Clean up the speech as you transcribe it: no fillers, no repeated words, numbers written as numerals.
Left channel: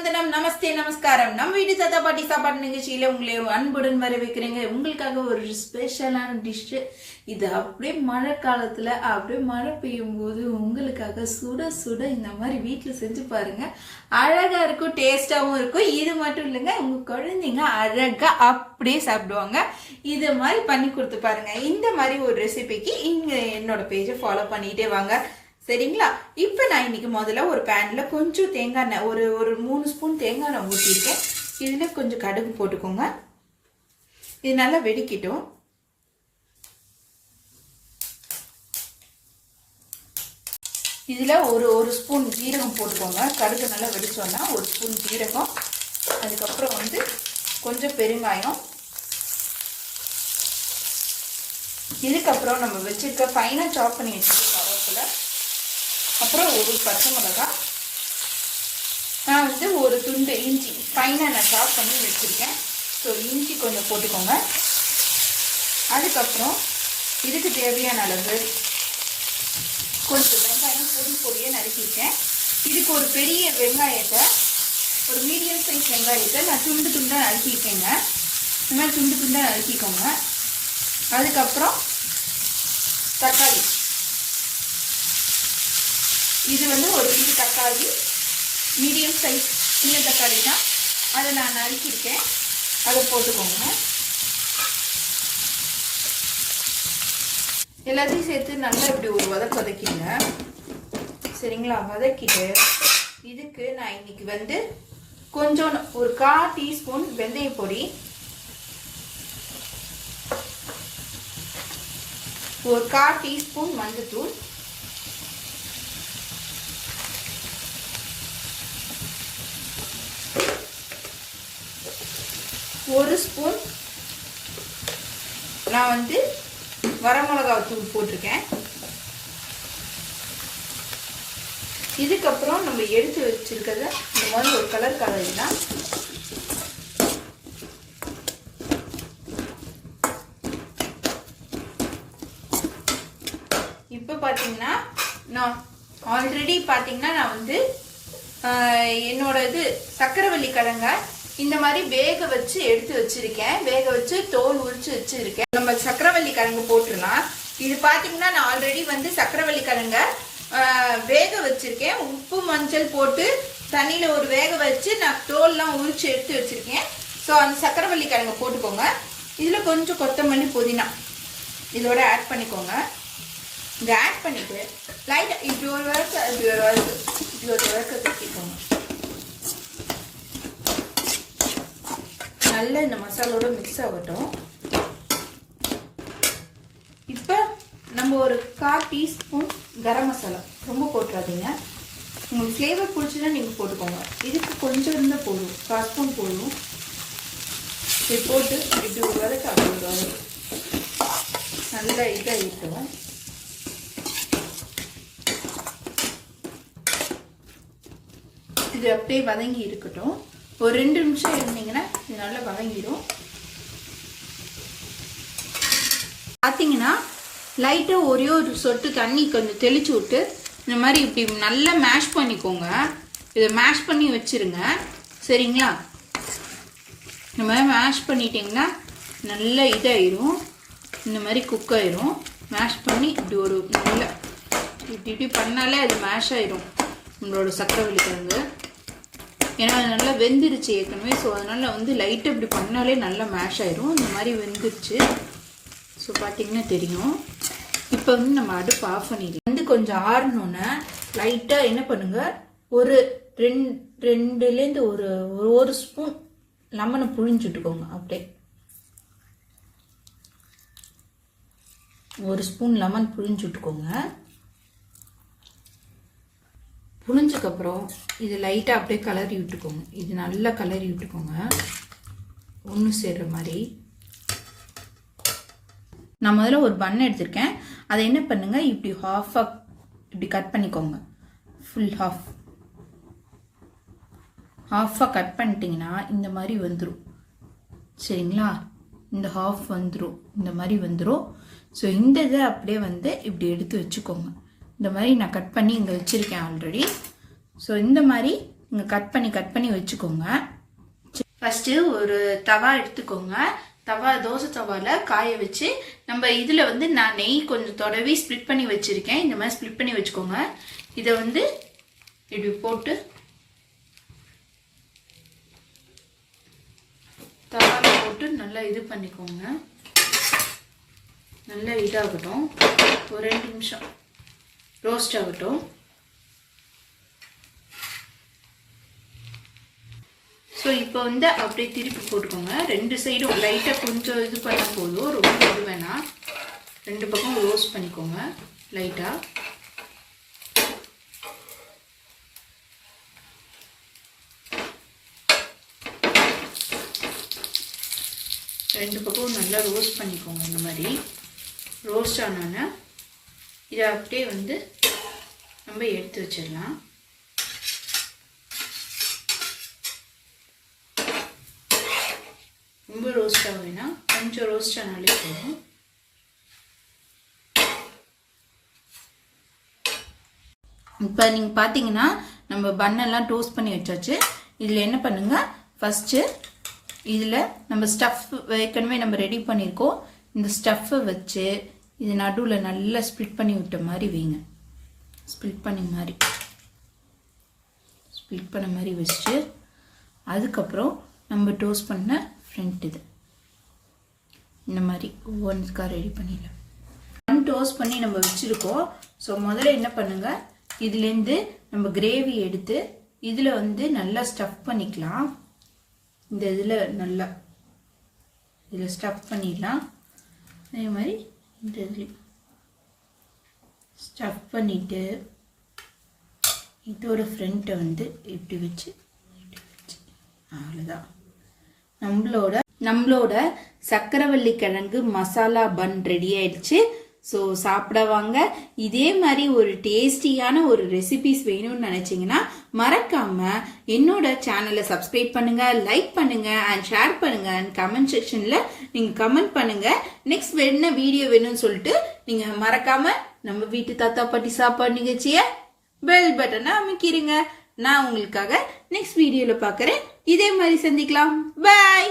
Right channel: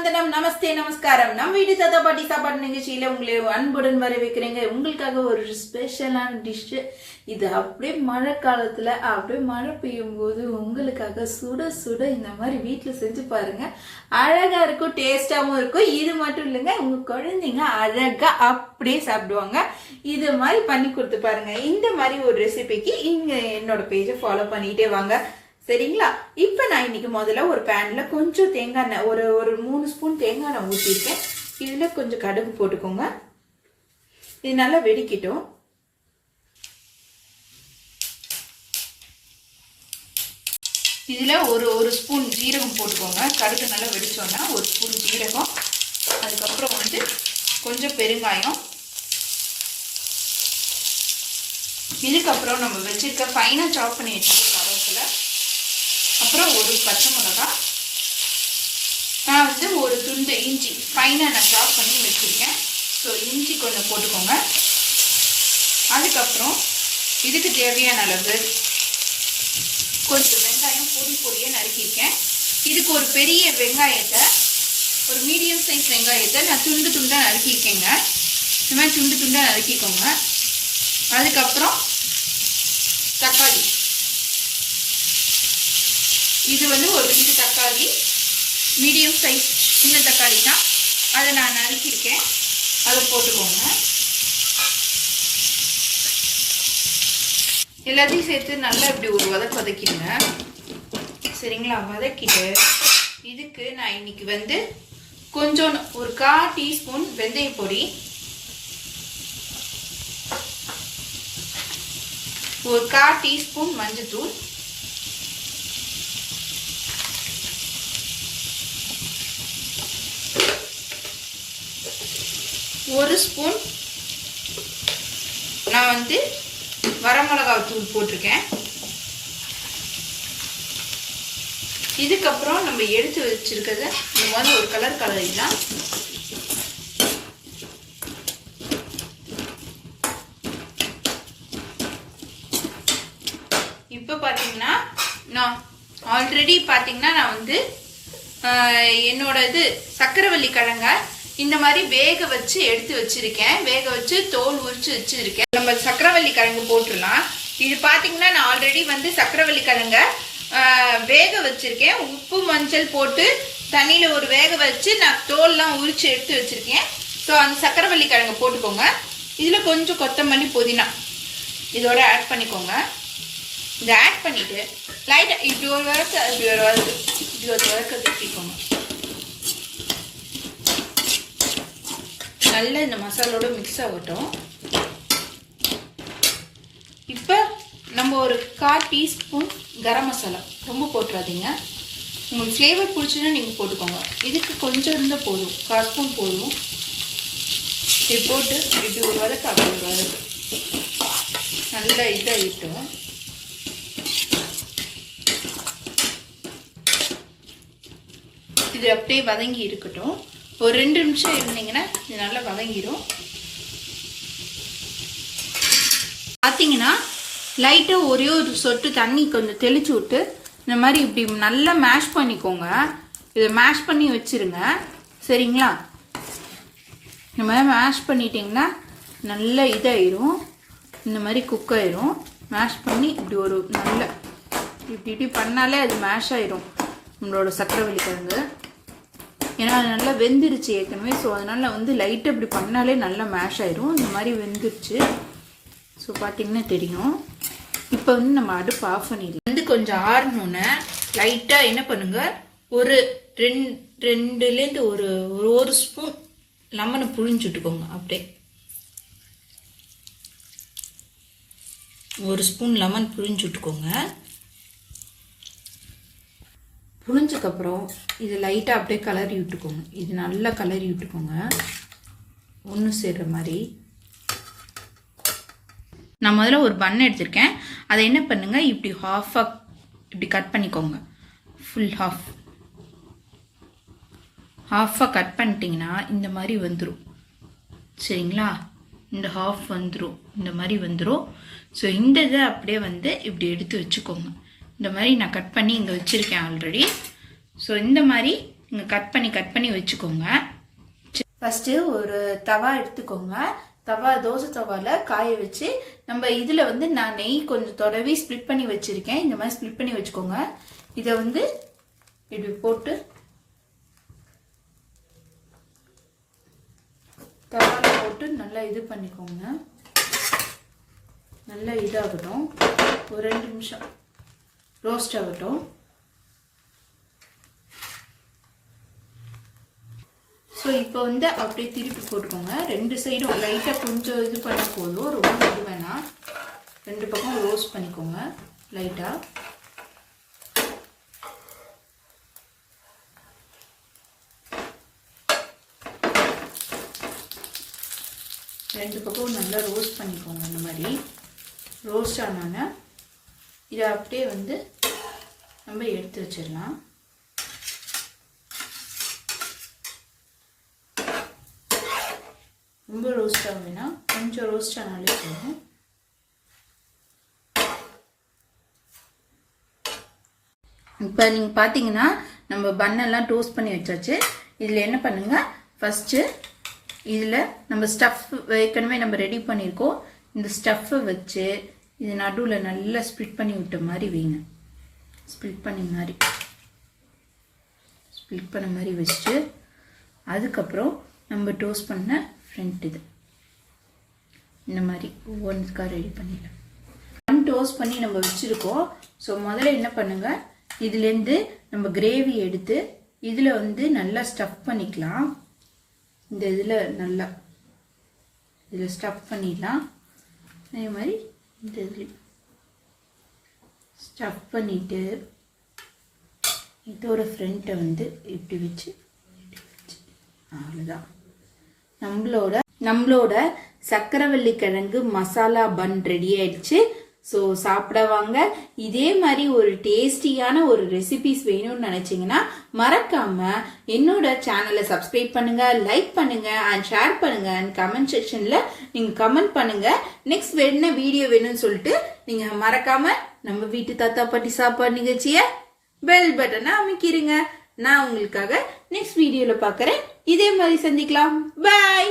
வந்தனம் நமஸ்தே நமஸ்காரம். நம்ம வீட்டு தாத்தா பாட்டி சாப்பாடு நிகழ்ச்சியில உங்களை அன்புடன் வரவேற்கிறேங்க. உங்களுக்காக ஒரு ஸ்பெஷலான டிஷ். இது அப்படியே மழை காலத்துல அப்படியே மழை பெய்யும் போது உங்களுக்காக சுட சுட இந்த மாதிரி வீட்டுல செஞ்சு பாருங்க. அழகா இருக்கும், டேஸ்டாவும் இருக்கும். இது மட்டும் இல்லைங்க, உங்க குழந்தைங்க அழகா அப்படியே சாப்பிடுவாங்க. இது மாதிரி பண்ணி கொடுத்து பாருங்க. இந்த மாதிரி ஒரு ரெசிபிக்கு இங்க என்னோட பேஜை ஃபாலோ பண்ணிட்டே வாங்க, சரிங்களா? இப்ப நான் இன்னைக்கு முதல்ல ஒரு பேன்ல கொஞ்சம் தேங்காய் எண்ணெய், ஒரு 3 ஸ்பூன் தேங்காய் எண்ணெய் ஊற்றிருக்கேன். இதுல கொஞ்சம் கடுகு போட்டுக்கோங்க. இது நல்லா வெடிக்கட்டும். இதுல ஒரு ஸ்பூன் ஜீரகம் போட்டுக்கோங்க. கடுகு நல்லா வெடிச்சோன்னா 1 ஸ்பூன் ஜீரகம், அதுக்கப்புறம் கொஞ்சம் பெருங்காயம், இதுக்கப்புறம் நம்ம வச்சிருக்க ஃபைனா சாப் பண்ணி வச்சிருக்க கருவேப்பிலை, அப்புறம் ஒரு பச்சை மிளகாய், நான் ஒரு துண்டு இஞ்சி ஃபைனா நான் சாப் பண்ணி வச்சிருக்கேன். ஸோ இஞ்சி கொஞ்சம் போட்டுக்கோங்க. அதுக்கப்புறம் இதுக்கு தேவையான அளவு கொஞ்சம் வெங்காயம் பொடியாக நறுக்கியிருக்கேன். இதுக்கு ஒரு பெரிய வெங்காயத்தை, ஒரு மீடியம் சைஸ் வெங்காயத்தை நான் துண்டு துண்டாக நறுக்கியிருக்கேங்க. இந்த மாதிரி துண்டு துண்டாக நறுக்கிக்கோங்க. அதுக்கப்புறம் தக்காளி, இது ஒரு 2 தக்காளி, மீடியம் சைஸ் சின்ன தக்காளி தான், அதை நான் நறுக்கியிருக்கேன். அதை போட்டுக்கோங்க. எல்லாத்தையும் சேர்த்து நல்லா இப்படி ஒரு வதக்கிடுங்க, சரிங்களா? வதக்கிட்டு இதுக்கு நான் இன்னைக்கு கொஞ்சம் ஒரு 1/4 டீஸ்பூன் வெந்தய பொடி, ஒரு 1/4 டீஸ்பூன் மஞ்சத்தூள், ஒரு ஸ்பூன் நான் வரமிளகாய் தூள் போட்டிருக்கேன். இதுக்கப்புறம் நம்ம எடுத்து வச்சிருக்கிறது இந்த மாதிரி ஒரு கலர் கலரிலாம் இப்போ பார்த்தீங்கன்னா நான் ஆல்ரெடி பார்த்தீங்கன்னா நான் என்னோட சக்கரவள்ளி கிழங்க இந்த மாதிரி வேக வச்சு எடுத்து வச்சிருக்கேன். வேக வச்சு தோல் உரிச்சு வச்சிருக்கேன். நம்ம சக்கரவள்ளி கிழங்கு போட்டுடலாம். இது பார்த்தீங்கன்னா நான் ஆல்ரெடி சக்கரவள்ளி கிழங்க வேக வச்சிருக்கேன். உப்பு மஞ்சள் போட்டு தண்ணியில் ஒரு வேக வச்சு நான் தோல்லாம் உரிச்சு எடுத்து வச்சிருக்கேன். ஸோ அந்த சக்கரவள்ளி கிழங்கு போட்டுக்கோங்க. இதில் கொஞ்சம் கொத்தமல்லி புதினா இதோட ஆட் பண்ணிக்கோங்க. இதை ஆட் பண்ணிட்டு லைட்டாக இப்படி ஒரு வறுக்க தட்டிக்கோங்க. நல்லா இந்த மசாலோட மிக்ஸ் ஆகட்டும். இப்போ நம்ம ஒரு 1/4 டீஸ்பூன் கரம் மசாலா, ரொம்ப போட்டுறாதீங்க. உங்களுக்கு ஃப்ளேவர் பிடிச்சுன்னா நீங்கள் போட்டுக்கோங்க. இதுக்கு கொஞ்சம் இருந்தால் போதும், 1/4 ஸ்பூன் போதும். இது போட்டு இப்படி ஒரு வதக்கு, அப்படி ஒரு வதக்கு நல்லா இதாக இருக்கும். இது அப்படியே வதங்கி இருக்கட்டும். ஒரு 2 நிமிஷம் இருந்தீங்கன்னா இது நல்லா வதங்கிடும். பார்த்தீங்கன்னா லைட்டாக ஒரே ஒரு சொட்டு தண்ணி கொஞ்சம் தெளிச்சு விட்டு இந்த மாதிரி இப்படி நல்லா மேஷ் பண்ணிக்கோங்க. இதை மேஷ் பண்ணி வச்சுருங்க, சரிங்களா? இந்த மாதிரி மேஷ் பண்ணிட்டீங்கன்னா நல்லா இதாயிரும், இந்த மாதிரி குக் ஆயிரும். மேஷ் பண்ணி இப்படி ஒரு நல்ல இப்படி பண்ணாலே அது மேஷ் ஆயிரும் நம்மளோட சக்கரவள்ளி கிழங்கு. ஏன்னா அது நல்லா வெந்துருச்சு ஏற்கனவே. ஸோ அதனால் லைட்டாக இப்படி பண்ணாலே நல்லா மேஷ் ஆயிரும். இந்த மாதிரி வெந்துருச்சு. ஸோ பார்த்தீங்கன்னா தெரியும். இப்போ நம்ம அடுப்பு ஆஃப் பண்ணிடலாம். கொஞ்சம் ஆறணுன்னு லைட்டாக என்ன பண்ணுங்க, ஒரு 2லேருந்து ஒரு ஸ்பூன் லெமனை புழிஞ்சுட்டுக்கோங்க. அப்படியே 1 ஸ்பூன் லெமன் புழிஞ்சுட்டுக்கோங்க. புழிஞ்சதுக்கப்புறம் இது லைட்டாக அப்படியே கலரி விட்டுக்கோங்க. இது நல்லா கலரி விட்டுக்கோங்க, ஒன்று சேர்ற மாதிரி. நான் முதல்ல ஒரு பன் எடுத்திருக்கேன். அதை என்ன பண்ணுங்க, இப்படி ஹாஃபாக இப்படி கட் பண்ணிக்கோங்க. ஃபுல் ஹாஃபாக கட் பண்ணிட்டீங்கன்னா இந்த மாதிரி வந்துடும், சரிங்களா? இந்த ஹாஃப் வந்துடும், இந்த மாதிரி வந்துடும். ஸோ இந்த இதை அப்படியே இப்படி எடுத்து வச்சுக்கோங்க. இந்த மாதிரி நான் கட் பண்ணி இங்கே வச்சுருக்கேன் ஆல்ரெடி. ஸோ இந்த மாதிரி நீங்கள் கட் பண்ணி வச்சுக்கோங்க. ஃபஸ்ட்டு ஒரு தவா எடுத்துக்கோங்க. தோசை தவாவில் காய வச்சு நம்ம இதில் வந்து நான் நெய் கொஞ்சம் தொடவி ஸ்ப்ளிட் பண்ணி வச்சுருக்கேன். இந்த மாதிரி ஸ்ப்ளிட் பண்ணி வச்சுக்கோங்க. இதை வந்து இப்படி போட்டு தவாவில் போட்டு நல்லா இது பண்ணிக்கோங்க. நல்லா இதாகட்டும், ஒரு 2 நிமிஷம் ரோஸ்ட் ஆகட்டும். ஸோ இப்போ வந்து அப்படியே திருப்பி போட்டுக்கோங்க. 2 சைடும் லைட்டாக கொஞ்சம் இது பண்ண போதும், ரொம்ப இது வேணாம். 2 பக்கம் ரோஸ்ட் பண்ணிக்கோங்க லைட்டாக. ரெண்டு பக்கம் நல்லா ரோஸ்ட் பண்ணிக்கோங்க. இந்த மாதிரி ரோஸ்ட் ஆனோன்னா இதை அப்படியே வந்து நம்ம எடுத்து வச்சிடலாம். ரொம்ப ரோஸ்ட் ஆகுதுன்னா கொஞ்சம் ரோஸ்ட் ஆனாலே போதும். இப்போ நீங்கள் பார்த்தீங்கன்னா நம்ம பன்னெல்லாம் டோஸ்ட் பண்ணி வச்சாச்சு. இதில் என்ன பண்ணுங்க, ஃபஸ்ட்டு இதில் நம்ம ஸ்டஃப் ஏற்கனவே நம்ம ரெடி பண்ணியிருக்கோம். இந்த ஸ்டஃப்பை வச்சு இது நடுவில் நல்லா ஸ்ப்ளிட் பண்ணி விட்ட மாதிரி வைங்க. ஸ்ப்ளிட் பண்ண மாதிரி வச்சுட்டு அதுக்கப்புறம் நம்ம டோஸ்ட் பண்ண ஃப்ரண்ட் இது இந்த மாதிரி ஒவ்வொன்றுக்காக ரெடி பண்ணிடலாம். டோஸ்ட் பண்ணி நம்ம வச்சுருக்கோம். ஸோ முதல்ல என்ன பண்ணுங்கள், இதுலேருந்து நம்ம கிரேவி எடுத்து இதில் வந்து நல்லா ஸ்டஃப் பண்ணிக்கலாம். இந்த இதில் நல்லா இதில் ஸ்டஃப் பண்ணிடலாம். அதே மாதிரி இந்த இதில் ஸ்டஃப் பண்ணிவிட்டு இதோட ஃப்ரண்ட்டை வந்து இப்படி வச்சு அவ்வளோதான். நம்மளோட சக்கரவள்ளி கிழங்கு மசாலா பன் ரெடி ஆயிடுச்சு. ஸோ சாப்பிட வாங்க. இதே மாதிரி ஒரு டேஸ்டியான ஒரு ரெசிபிஸ் வேணும்னு நினைச்சீங்கன்னா மறக்காம என்னோட சேனலை சப்ஸ்கிரைப் பண்ணுங்க, லைக் பண்ணுங்க அண்ட் ஷேர் பண்ணுங்க அண்ட் கமெண்ட் செக்ஷன்ல நீங்க கமெண்ட் பண்ணுங்க. நெக்ஸ்ட் என்ன வீடியோ வேணும்னு சொல்லிட்டு நீங்க மறக்காம நம்ம வீட்டு தாத்தா பாட்டி சாப்பாடு நிகழ்ச்சிய பெல் பட்டனை அமைக்கிருங்க. நான் உங்களுக்காக நெக்ஸ்ட் வீடியோல பாக்குறேன். இதே மாதிரி சந்திக்கலாம். பாய்.